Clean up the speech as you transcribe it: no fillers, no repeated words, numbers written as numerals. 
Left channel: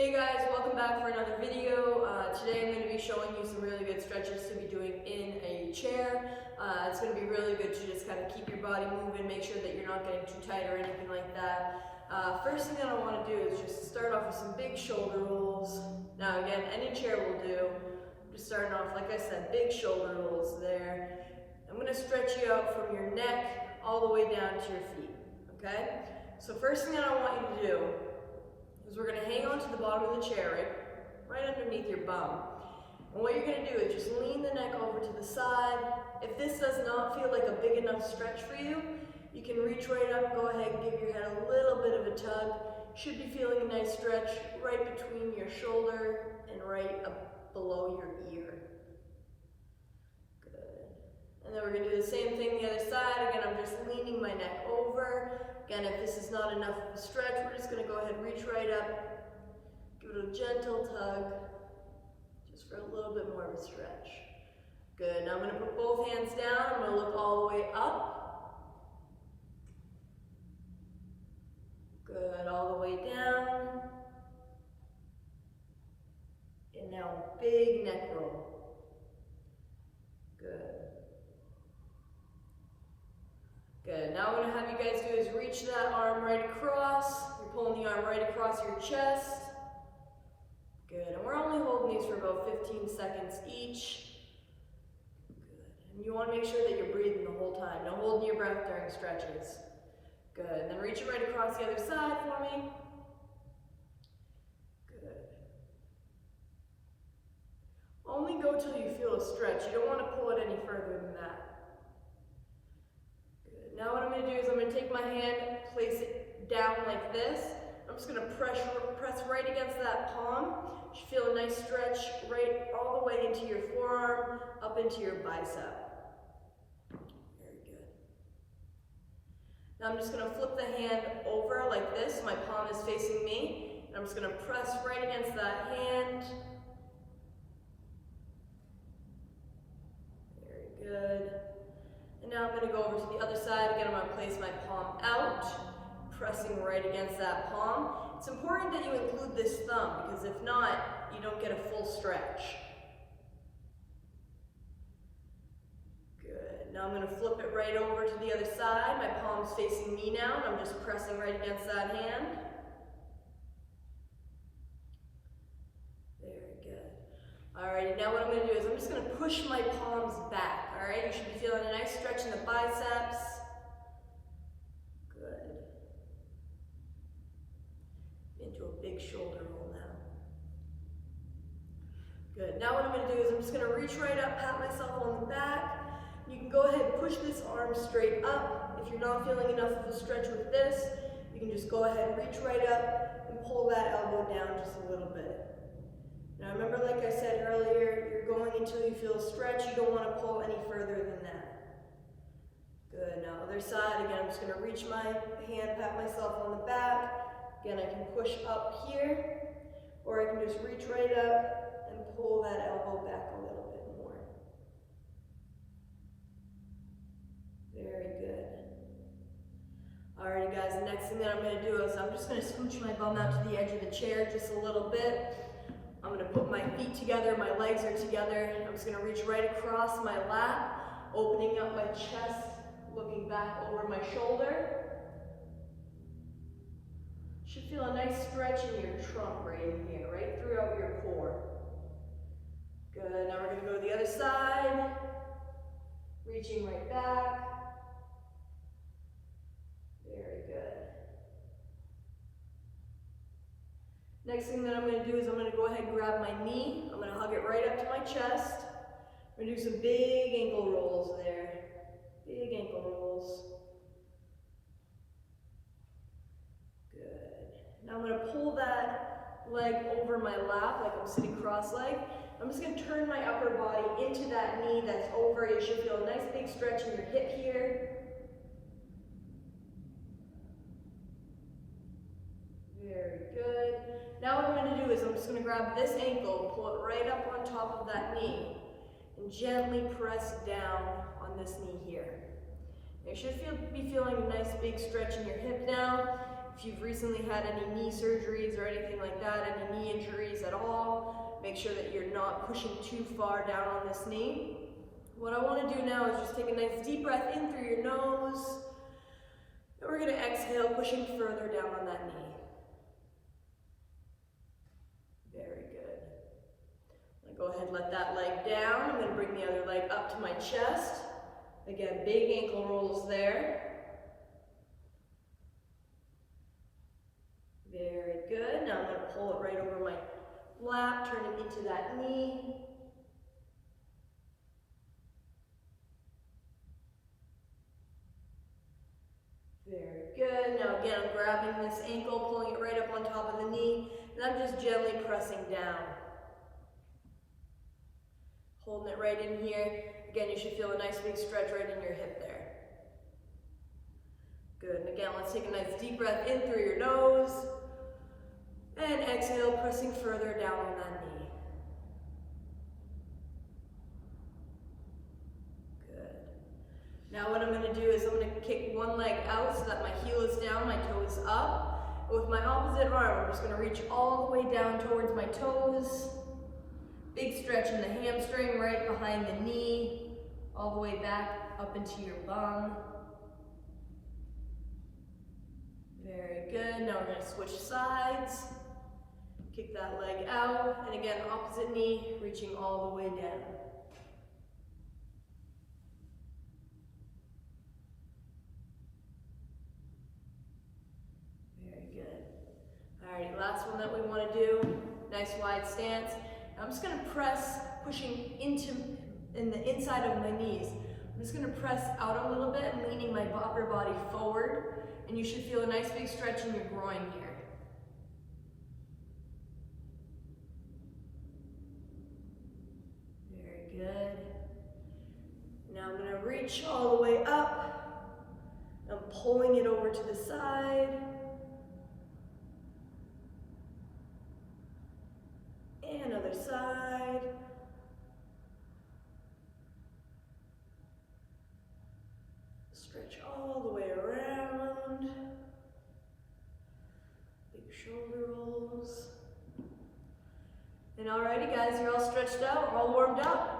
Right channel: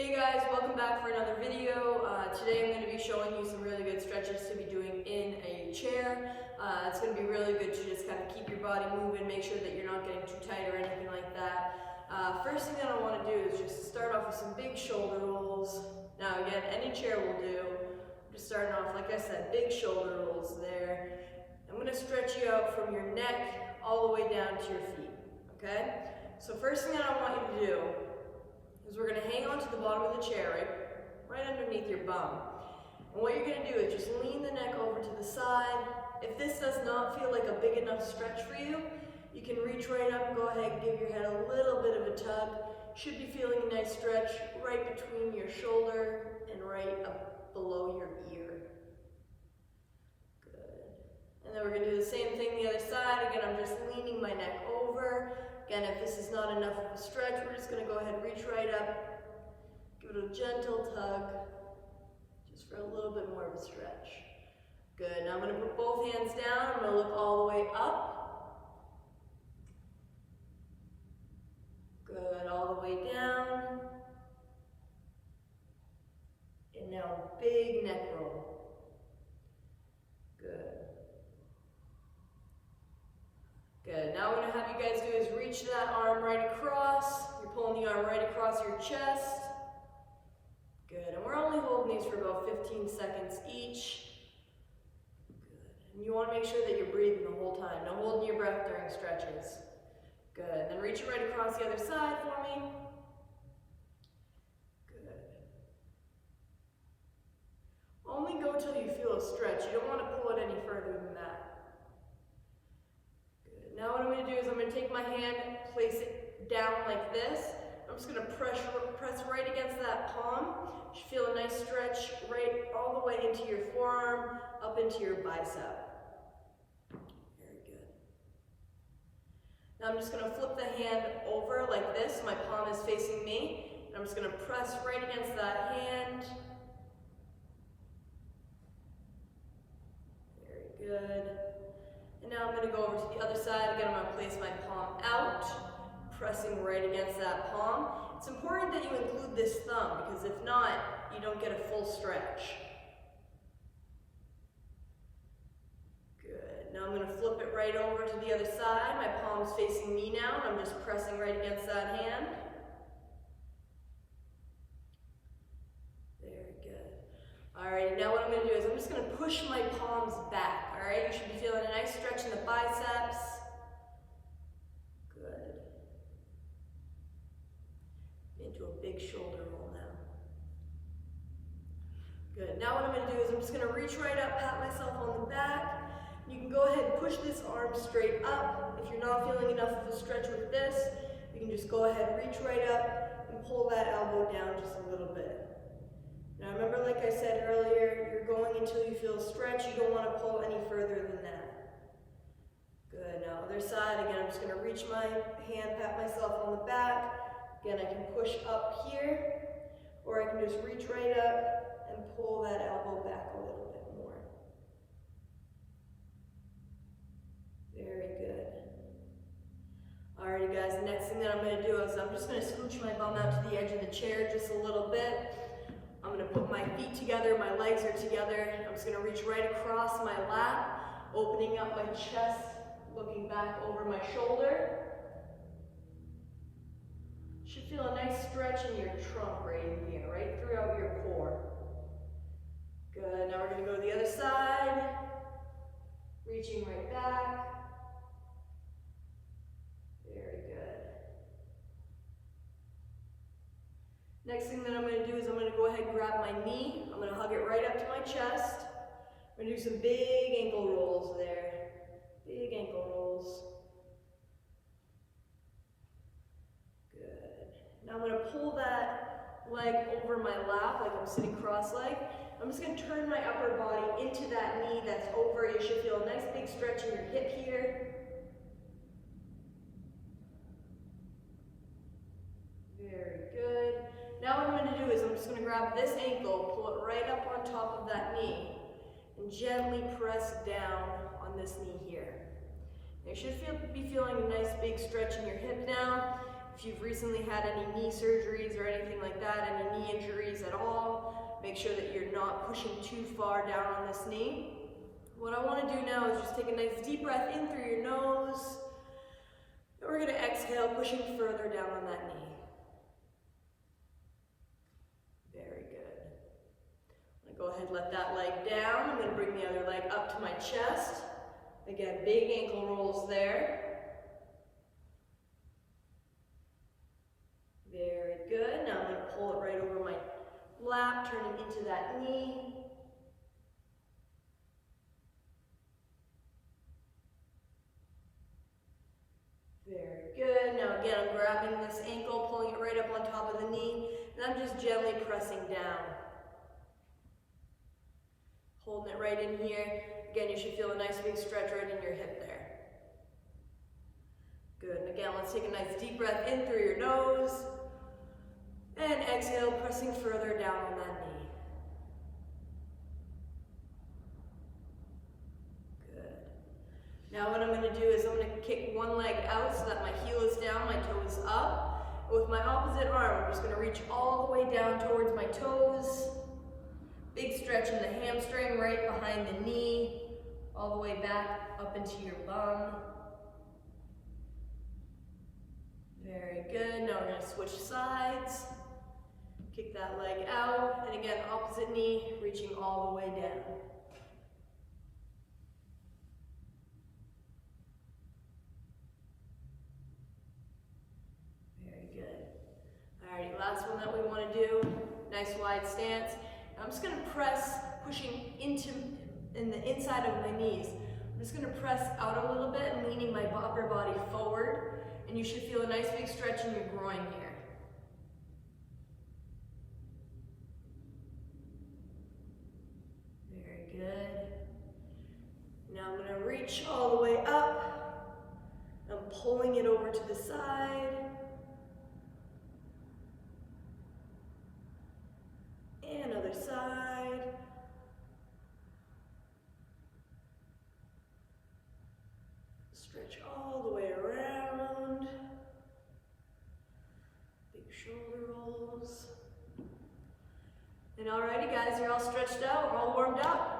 Hey guys, welcome back for another video. Today I'm going to be showing you some really good stretches to be doing in a chair. It's going to be really good to just kind of keep your body moving, make sure that you're not getting too tight or anything like that. First thing that I want to do is just start off with some big shoulder rolls. Now again, any chair will do. Just starting off, like I said, big shoulder rolls there. I'm going to stretch you out from your neck all the way down to your feet, okay? So first thing that I want you to do is we're going to hang on to the bottom of the chair, right underneath your bum. And what you're going to do is just lean the neck over to the side. If this does not feel like a big enough stretch for you, you can reach right up, go ahead and give your head a little bit of a tug. Should be feeling a nice stretch right between your shoulder and right up below your ear. Good. And then we're going to do the same thing the other side. Again, I'm just leaning my neck over. Again, if this is not enough of a stretch, we're just going to go ahead and reach right up, give it a gentle tug, just for a little bit more of a stretch. Good. Now I'm going to put both hands down. I'm going to look all the way up. Good. All the way down. And now big neck roll. Good. Good. Now what I'm going to have you guys do is reach that arm right across. You're pulling the arm right across your chest. Good. And we're only holding these for about 15 seconds each. Good. And you want to make sure that you're breathing the whole time. Don't hold your breath during stretches. Good. And then reach it right across the other side for me. Good. Only go till you feel a stretch. You don't want to pull it any further than that. Now what I'm going to do is I'm going to take my hand, place it down like this. I'm just going to press right against that palm. You should feel a nice stretch right all the way into your forearm, up into your bicep. Very good. Now I'm just going to flip the hand over like this. My palm is facing me. And I'm just going to press right against that hand. Very good. And now I'm going to go over to the other side. Again, I'm going to place my palm out, pressing right against that palm. It's important that you include this thumb, because if not, you don't get a full stretch. Good. Now I'm going to flip it right over to the other side. My palm's facing me now, and I'm just pressing right against that hand. Very good. Alright, now what I'm going to do is I'm just going to push my palms back. Alright, you should be feeling a nice stretch in the biceps. Good. Into a big shoulder roll now. Good. Now what I'm going to do is I'm just going to reach right up, pat myself on the back. You can go ahead and push this arm straight up. If you're not feeling enough of a stretch with this, you can just go ahead and reach right up and pull that elbow down just a little bit. Now remember, like I said earlier, you're going until you feel a stretch. You don't want to pull any further than that. Good. Now other side, again, I'm just going to reach my hand, pat myself on the back. Again, I can push up here, or I can just reach right up and pull that elbow back a little bit more. Very good. Alrighty guys, the next thing that I'm going to do is I'm just going to scooch my bum out to the edge of the chair just a little bit. I'm going to put my feet together, my legs are together. I'm just going to reach right across my lap, opening up my chest, looking back over my shoulder. Should feel a nice stretch in your trunk right in here, right throughout your core. Good. Now we're going to go to the other side, reaching right back. Very good. Next thing that I'm going to do is I'm going to go ahead and grab my knee. I'm going to hug it right up to my chest. I'm going to do some big ankle rolls there. Big ankle rolls. Good. Now I'm going to pull that leg over my lap like I'm sitting cross-legged. I'm just going to turn my upper body into that knee that's over. You should feel a nice big stretch in your hip here. Very good. Now what I'm going to do is I'm just going to grab this ankle, pull it right up on top of that knee, and gently press down on this knee here. You should be feeling a nice big stretch in your hip now. If you've recently had any knee surgeries or anything like that, any knee injuries at all, make sure that you're not pushing too far down on this knee. What I want to do now is just take a nice deep breath in through your nose. And we're going to exhale, pushing further down on that knee. Very good. I'm going to go ahead and let that leg down. I'm going to bring the other leg up to my chest. Again, big ankle rolls there. Very good. Now I'm going to pull it right over my lap, turning into that knee. Very good. Now again, I'm grabbing this ankle, pulling it right up on top of the knee, and I'm just gently pressing down. Holding it right in here. Again, you should feel a nice big stretch right in your hip there. Good. And again, let's take a nice deep breath in through your nose. And exhale, pressing further down on that knee. Good. Now what I'm going to do is I'm going to kick one leg out so that my heel is down, my toe is up. With my opposite arm, I'm just going to reach all the way down towards my toes. Big stretch in the hamstring right behind the knee, all the way back up into your bum. Very good. Now we're going to switch sides. Kick that leg out, and again, opposite knee, reaching all the way down. Very good. Alrighty, last one that we want to do, nice wide stance. I'm just going to press, pushing in the inside of my knees. I'm just going to press out a little bit and leaning my upper body forward, and you should feel a nice big stretch in your groin here. Good. Now I'm going to reach all the way up. I'm pulling it over to the side. And other side. Stretch all the way around. Big shoulder rolls. And alrighty guys, you're all stretched out, we're all warmed up.